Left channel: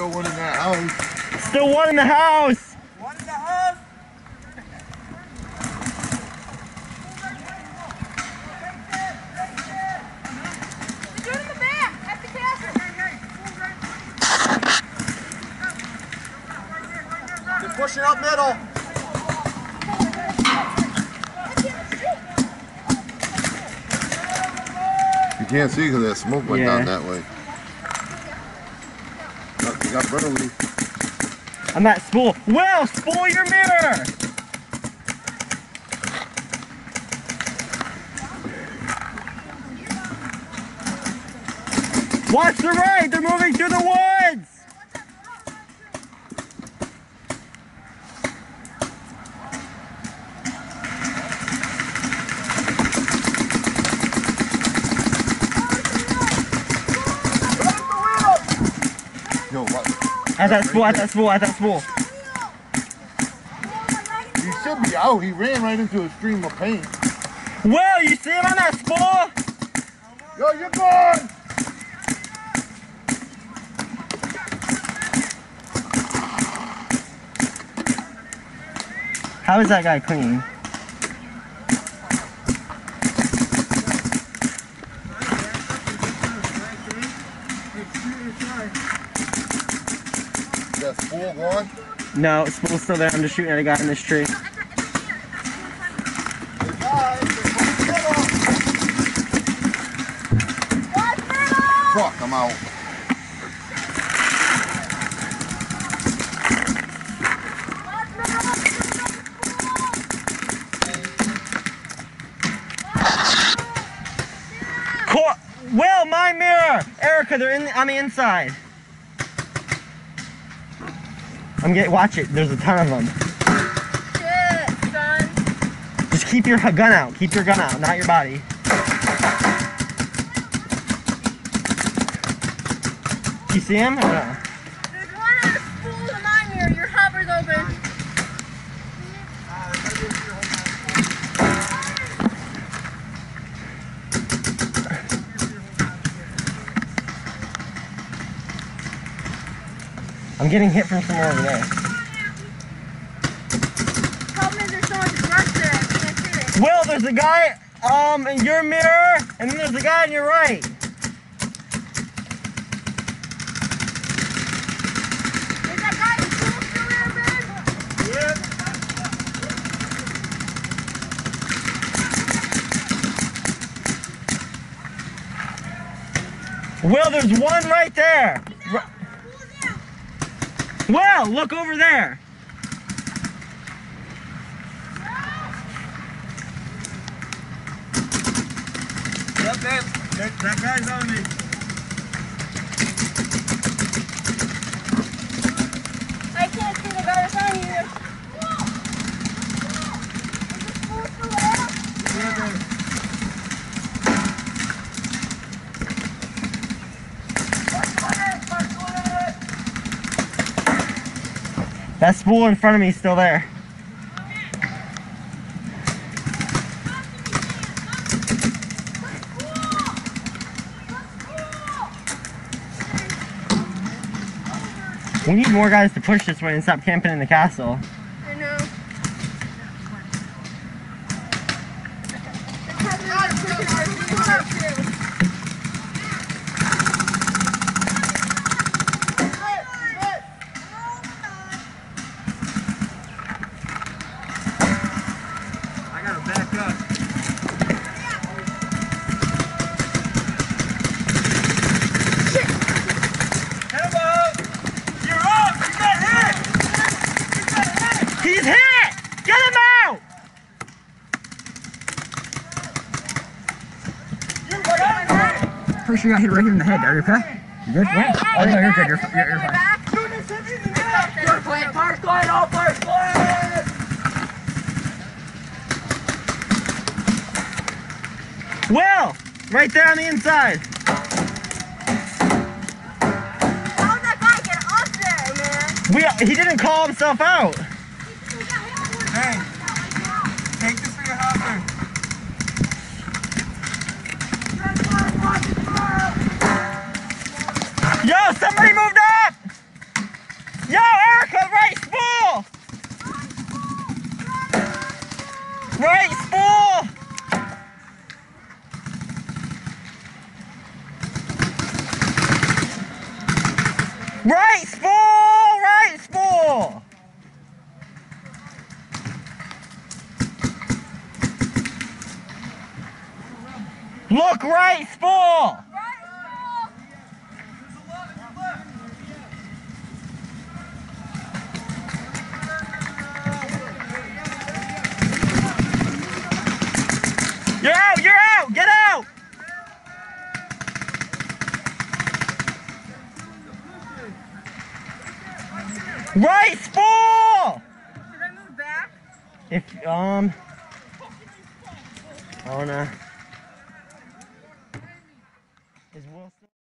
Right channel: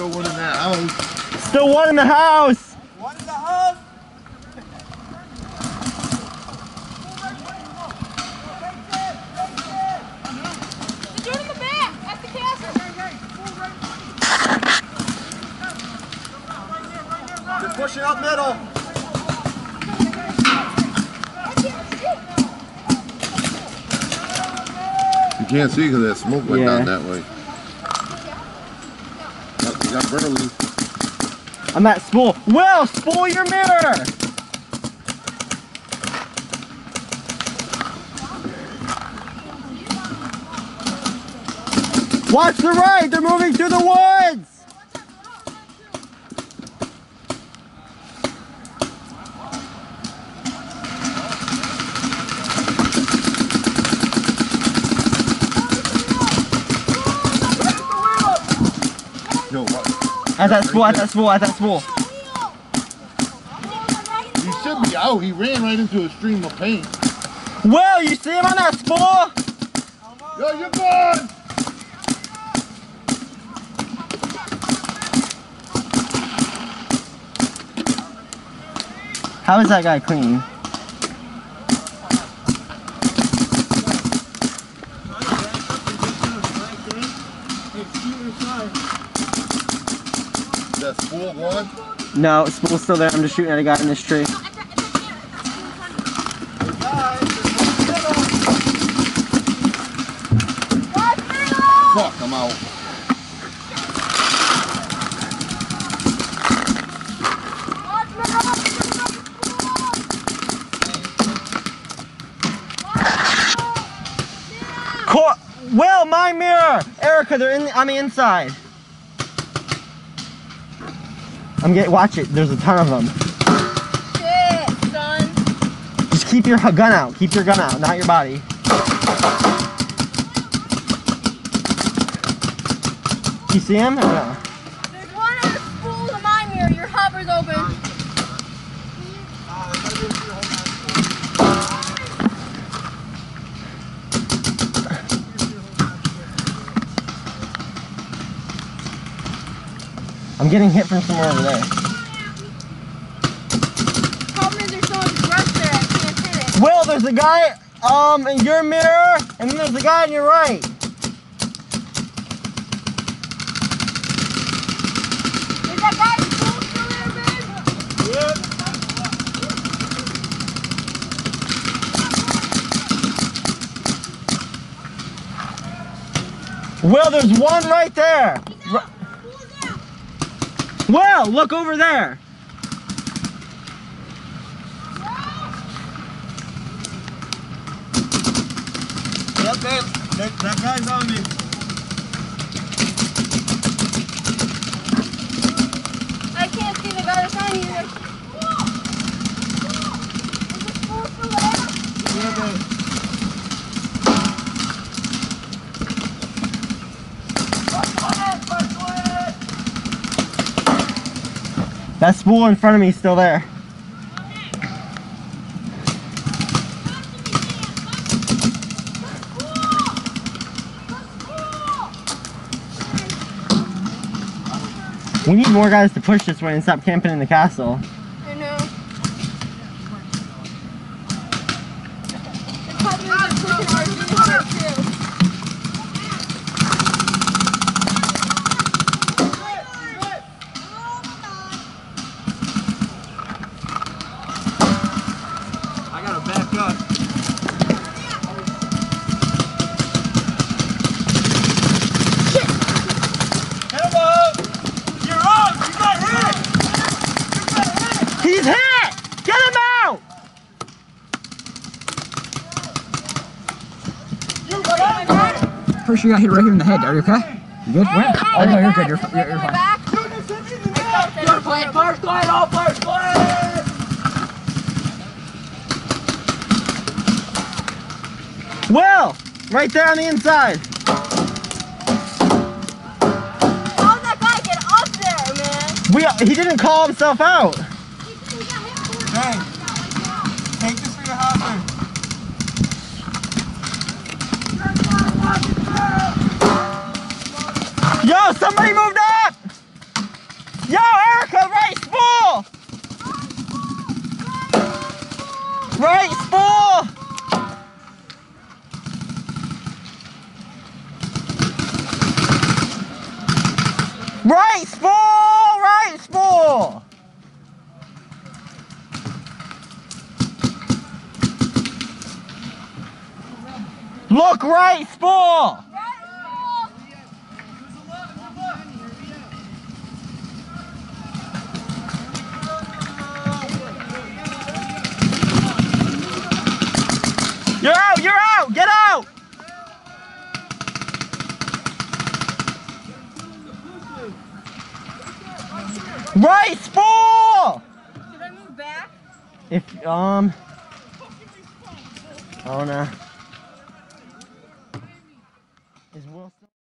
still one in that house. Still one in the house. One in the house. Get in the back at the castle. They're pushing up middle. You can't see because that smoke went down that way. You got Burley. I'm at spool. Will, spool your mirror. Watch the right. They're moving through the woods. Yo, what? At that spool, at that spool, at that spool. He should be out. He ran right into a stream of paint. Will, you see him on that spool? Yo, you're gone! How is that guy clean? Is that spool gone? No, spool's still there. I'm just shooting at a guy in this tree. Fuck, I'm out. Will, my mirror! Erica, they're on the inside. Watch it, there's a ton of them. Shit, gun. Just keep your gun out. Keep your gun out, not your body. You see him or no? There's one on the spool to my mirror. Your hover's open. I'm getting hit from somewhere over there. Problem is there's so much brush there, I can't hit it. Will, there's a guy in your mirror, and then there's a guy on your right. Is that guy still there, Ben? Yep. Will, there's one right there. Will, look over there. Yep, man. That guy's on me. I can't see the guy that's on you. Yeah, man. That spool in front of me is still there. We need more guys to push this way and stop camping in the castle. I know. The problem is they're pushing our dudes too. I gotta back up. Hello! You're up! You got hit! He's hit! Get him out! First you got hit right here in the head. Are you okay? You good? Hey, Oh no, you're good. You're fine. You're playing first line, all first line! Will! Right there on the inside. How did that guy get up there, man? He didn't call himself out. Hey, take this for your husband. Yo, somebody moved up! Right spool! Right spool! Look right spool! You're out! You're out! Get out! Right spool! Should I move back? If, oh no.